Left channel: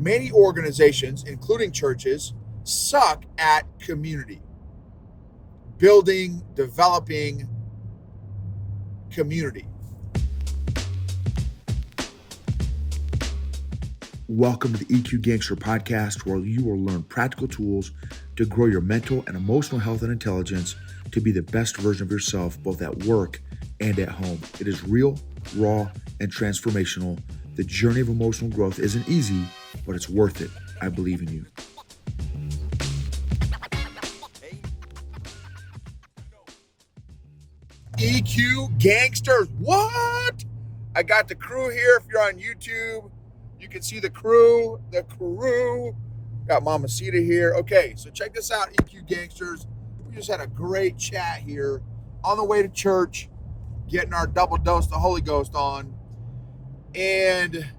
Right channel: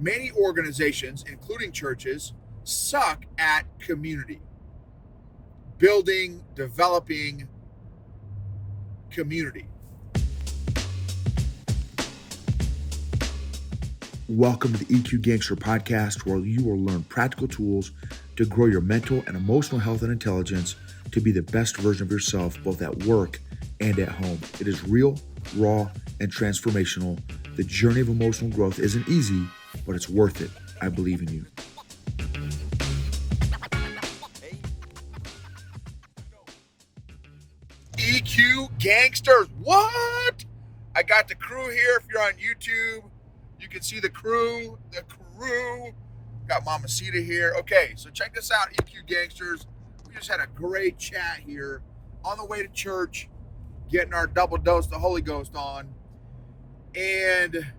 Many organizations, including churches, suck at community, building, developing community. Welcome to the EQ Gangster podcast, where you will learn practical tools to grow your mental and emotional health and intelligence to be the best version of yourself, both at work and at home. It is real, raw, and transformational. The journey of emotional growth isn't easy, but it's worth it. I believe in you. EQ Gangsters, what? I got the crew here. If you're on YouTube, you can see the crew. Got Mamacita here. Okay, so check this out, EQ Gangsters. We just had a great chat here on the way to church, getting our double dose of the Holy Ghost on. And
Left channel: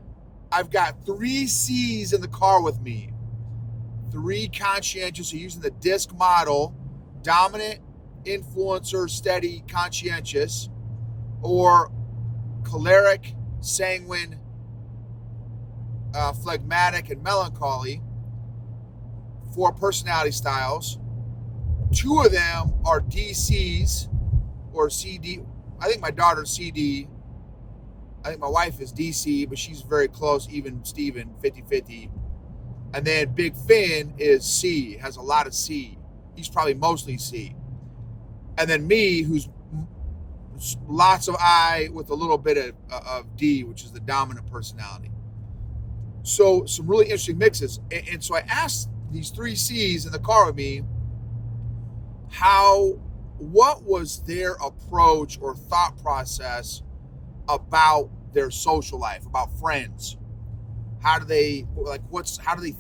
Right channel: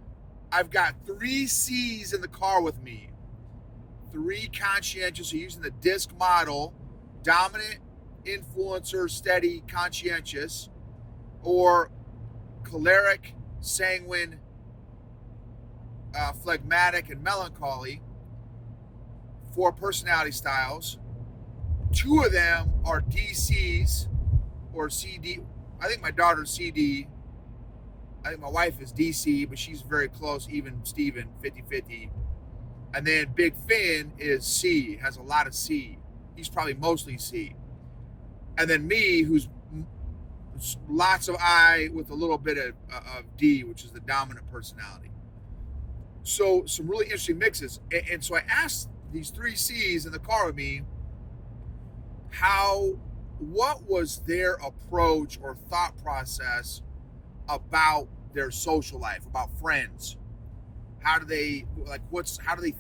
I've got 3 C's in the car with me. 3 conscientious, so using the DISC model: dominant, influencer, steady, conscientious, or choleric, sanguine, phlegmatic, and melancholy. 4 personality styles. 2 of them are DCs or CD. I think my daughter's CD. I think my wife is DC, but she's very close, even Steven, 50-50. And then Big Finn is C, has a lot of C. He's probably mostly C. And then me, who's lots of I with a little bit of D, which is the dominant personality. So some really interesting mixes. And so I asked these 3 C's in the car with me, what was their approach or thought process about their social life, about friends? How do they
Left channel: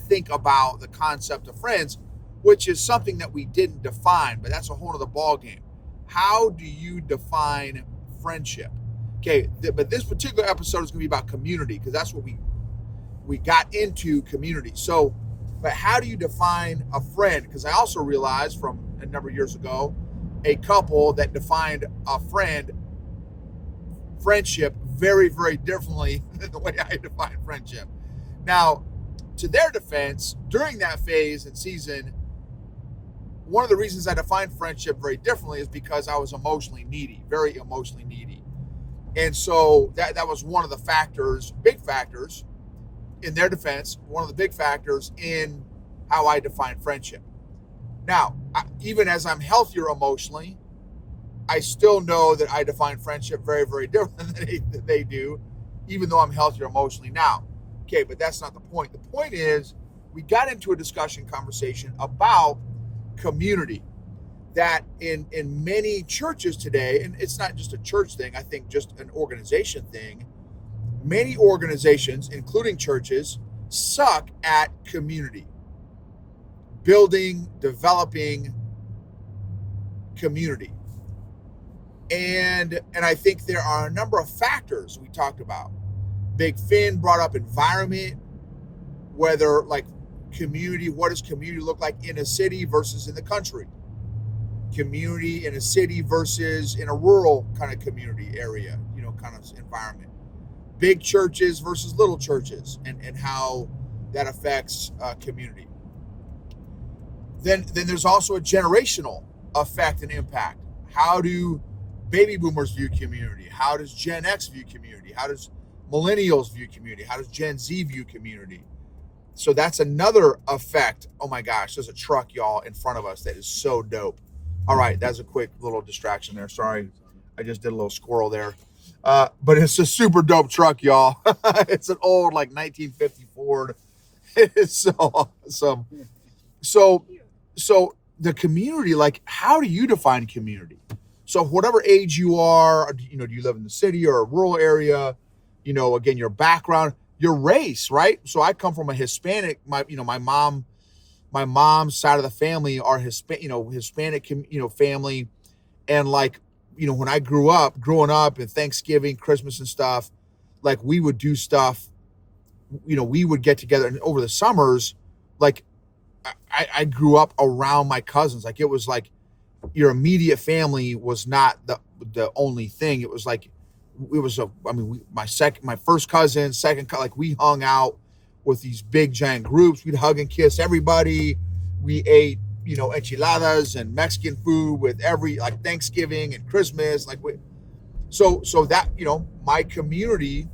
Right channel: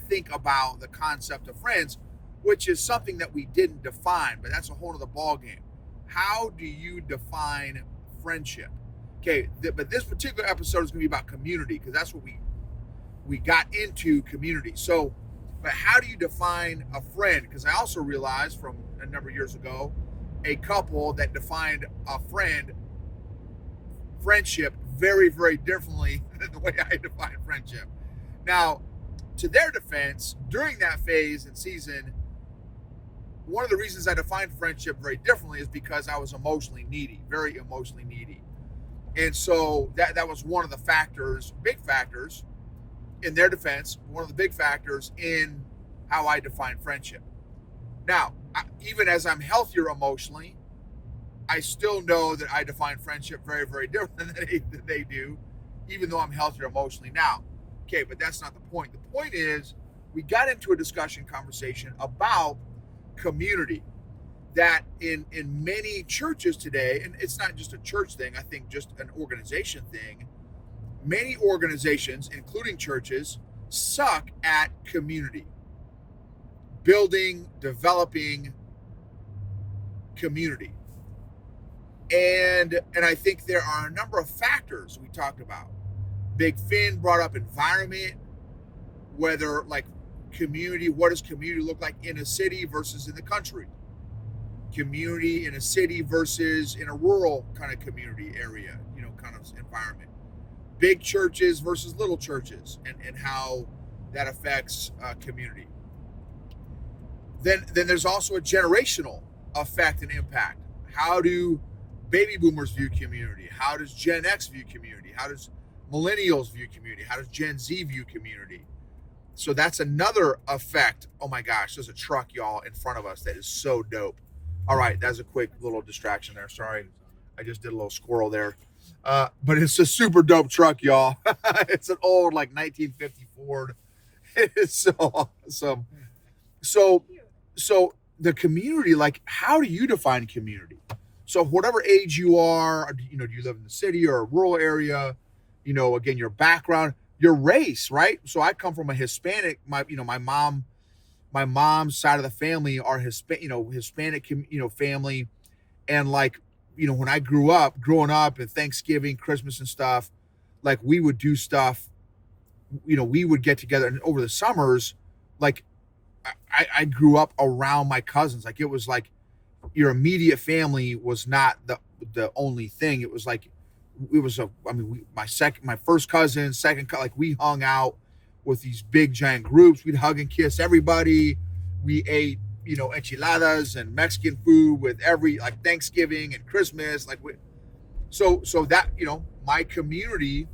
think about the concept of friends, which is something that we didn't define, but that's a whole other ball game. How do you define friendship? Okay, but this particular episode is going to be about community, because that's what we got into, community. So, but how do you define a friend? Because I also realized from a number of years ago, a couple that defined a friendship very, very differently than the way I define friendship. Now, to their defense, during that phase and season, one of the reasons I defined friendship very differently is because I was emotionally needy, very emotionally needy. And so that was one of the factors, big factors, in their defense, one of the big factors in how I define friendship. Now, even as I'm healthier emotionally, I still know that I define friendship very, very different than they do, even though I'm healthier emotionally now. Okay, but that's not the point. The point is, we got into a conversation about community, that in many churches today, and it's not just a church thing, I think just an organization thing, many organizations, including churches, suck at community, building, developing community. And I think there are a number of factors we talked about. Big Finn brought up environment, whether like community, what does community look like in a city versus in the country? Community in a city versus in a rural kind of community area, kind of environment. Big churches versus little churches, and how that affects community. Then there's also a generational effect and impact. How do baby boomers view community? How does Gen X view community? How does millennials view community? How does Gen Z view community? So that's another effect. Oh my gosh, there's a truck, y'all, in front of us that is so dope. All right, that's a quick little distraction there. Sorry, I just did a little squirrel there. But it's a super dope truck, y'all. It's an old, like, 1950 Ford. It's so awesome. So the community, like, how do you define community? So whatever age you are, do you live in the city or a rural area? Again, your background, your race, right? So I come from a Hispanic, my mom's side of the family are Hispanic, family. And like, when I growing up and Thanksgiving, Christmas and stuff, like we would do stuff, we would get together, and over the summers, like I grew up around my cousins. Like it was like your immediate family was not the only thing. It was like, my first cousin, like we hung out. with these big giant groups. We'd hug and kiss everybody. We ate, enchiladas and Mexican food with every, like, Thanksgiving and Christmas. So that, my community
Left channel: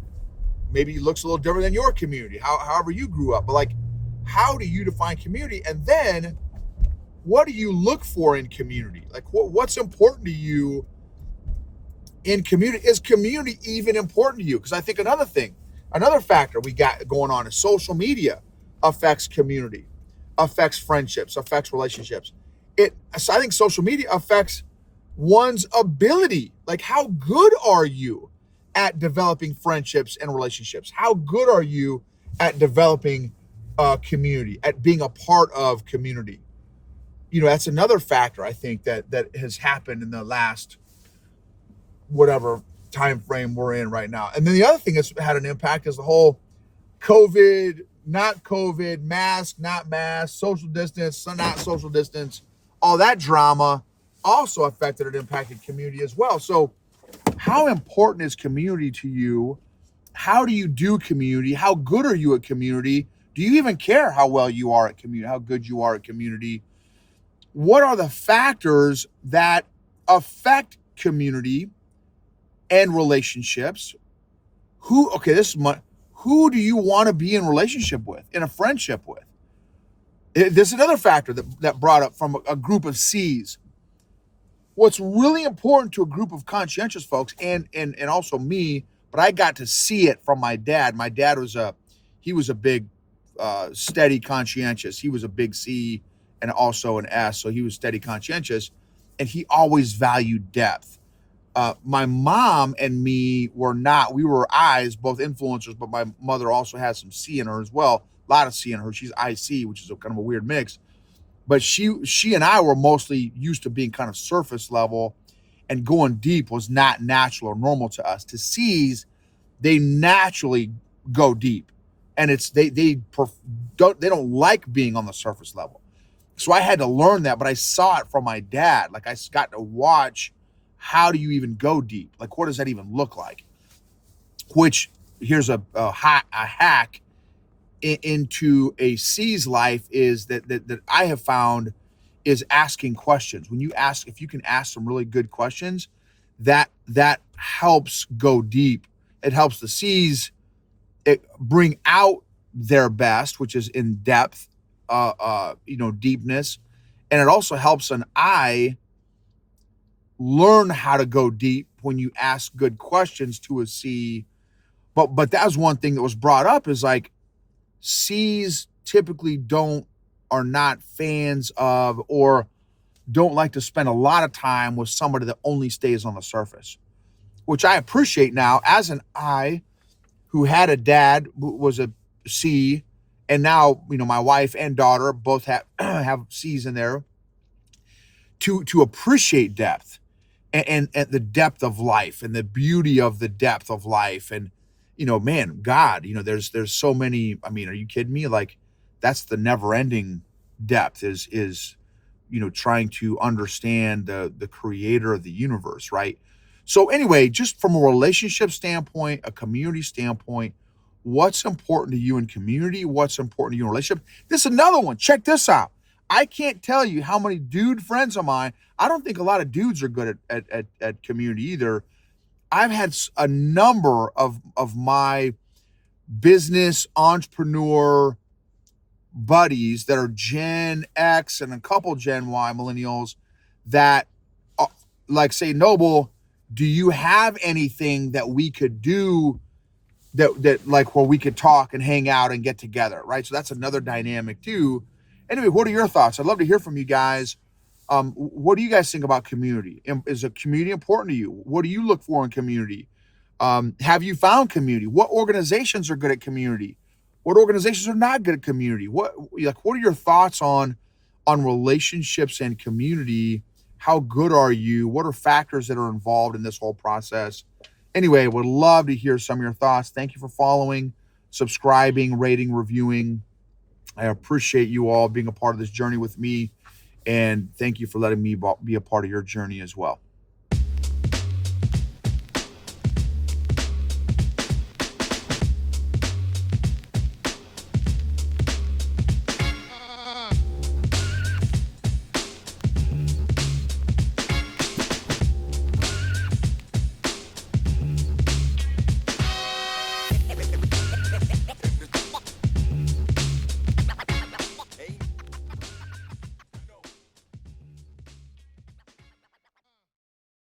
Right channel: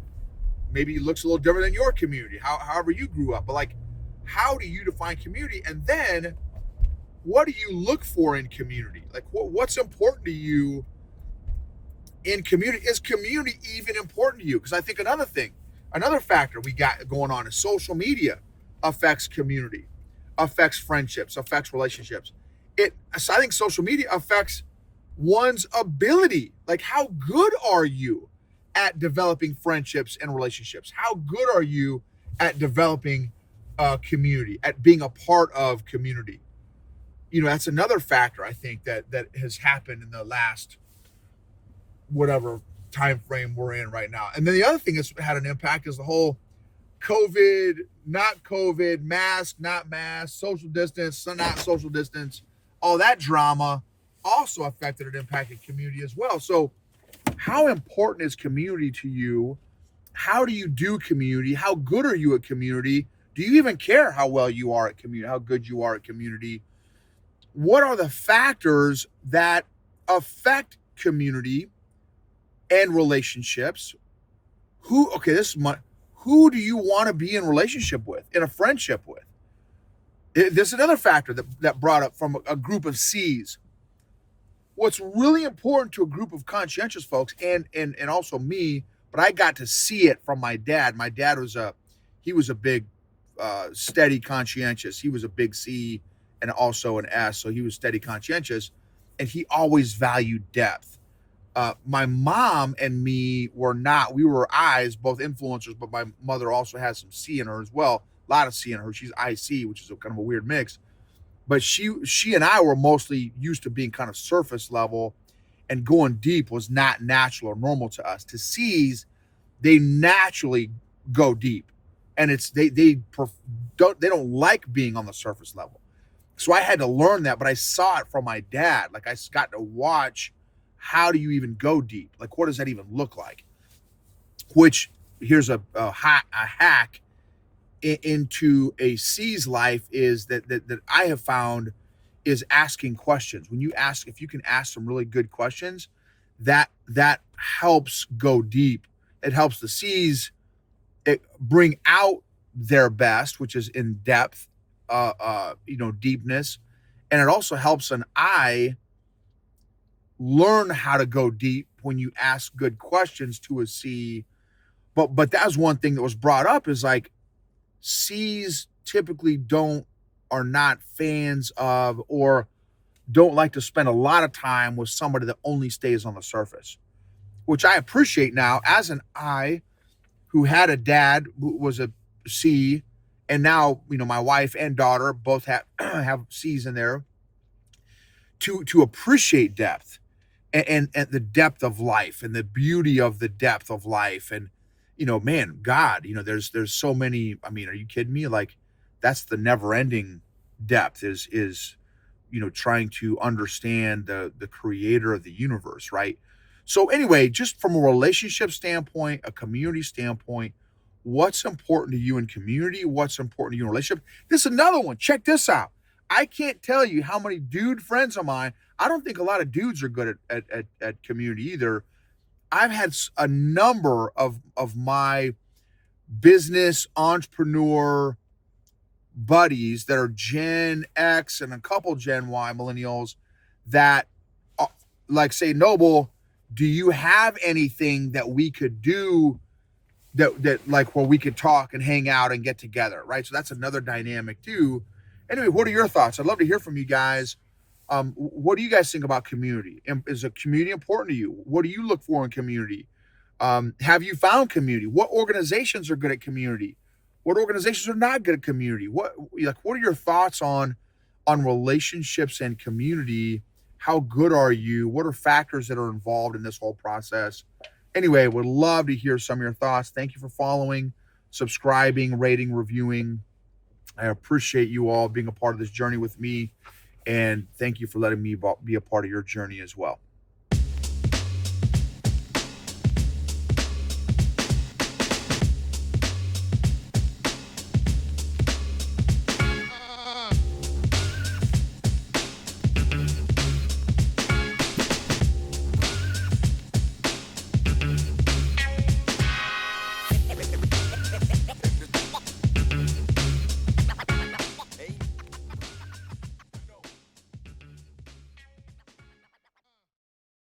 maybe looks a little different than your community, however you grew up. But like, how do you define community? And then what do you look for in community? Like, what's important to you in community? Is community even important to you? Because I think another factor we got going on is social media affects community, affects friendships, affects relationships. So I think social media affects one's ability. Like, how good are you at developing friendships and relationships? How good are you at developing community, at being a part of community? That's another factor I think that has happened in the last whatever time frame we're in right now. And then the other thing that's had an impact is the whole COVID, not COVID, mask, not mask, social distance, not social distance, all that drama also affected and impacted community as well. So how important is community to you? How do you do community? How good are you at community? Do you even care how well you are at community, how good you are at community? What are the factors that affect community and relationships? Who do you want to be in relationship with, in a friendship with? There's another factor that brought up from a group of C's. What's really important to a group of conscientious folks, and also me, but I got to see it from my dad. My dad was a big, steady conscientious. He was a big C and also an S, so he was steady conscientious, and he always valued depth. My mom and me were not. We were I's, both influencers, but my mother also has some C in her as well. A lot of C in her. She's IC, which is kind of a weird mix. But she and I were mostly used to being kind of surface level, and going deep was not natural or normal to us. To C's, they naturally go deep, and they don't like being on the surface level. So I had to learn that, but I saw it from my dad. Like, I got to watch, how do you even go deep? Like, what does that even look like? Which, here's a hack into a C's life is that I have found is asking questions. If you can ask some really good questions, that helps go deep. It helps the C's bring out their best, which is in depth, deepness. And it also helps an I learn how to go deep when you ask good questions to a C. But that was one thing that was brought up, is like, C's typically are not fans of, or don't like to spend a lot of time with somebody that only stays on the surface, which I appreciate now as an I who had a dad who was a C, and now, my wife and daughter both have C's in there, to appreciate depth and the depth of life and the beauty of the depth of life. And, man, God, there's so many. I mean, are you kidding me? Like, that's the never ending depth is trying to understand the creator of the universe. Right. So anyway, just from a relationship standpoint, a community standpoint, what's important to you in community? What's important to you in relationship? This is another one. Check this out. I can't tell you how many dude friends of mine. I don't think a lot of dudes are good at community either. I've had a number of my business entrepreneur buddies that are Gen X and a couple Gen Y millennials that like say, Noble, do you have anything that we could do that like where we could talk and hang out and get together, right? So that's another dynamic too. Anyway, what are your thoughts? I'd love to hear from you guys. What do you guys think about community? Is a community important to you? What do you look for in community? Have you found community? What organizations are good at community? What organizations are not good at community? What are your thoughts on relationships and community? How good are you? What are factors that are involved in this whole process? Anyway, would love to hear some of your thoughts. Thank you for following, subscribing, rating, reviewing. I appreciate you all being a part of this journey with me. And thank you for letting me be a part of your journey as well.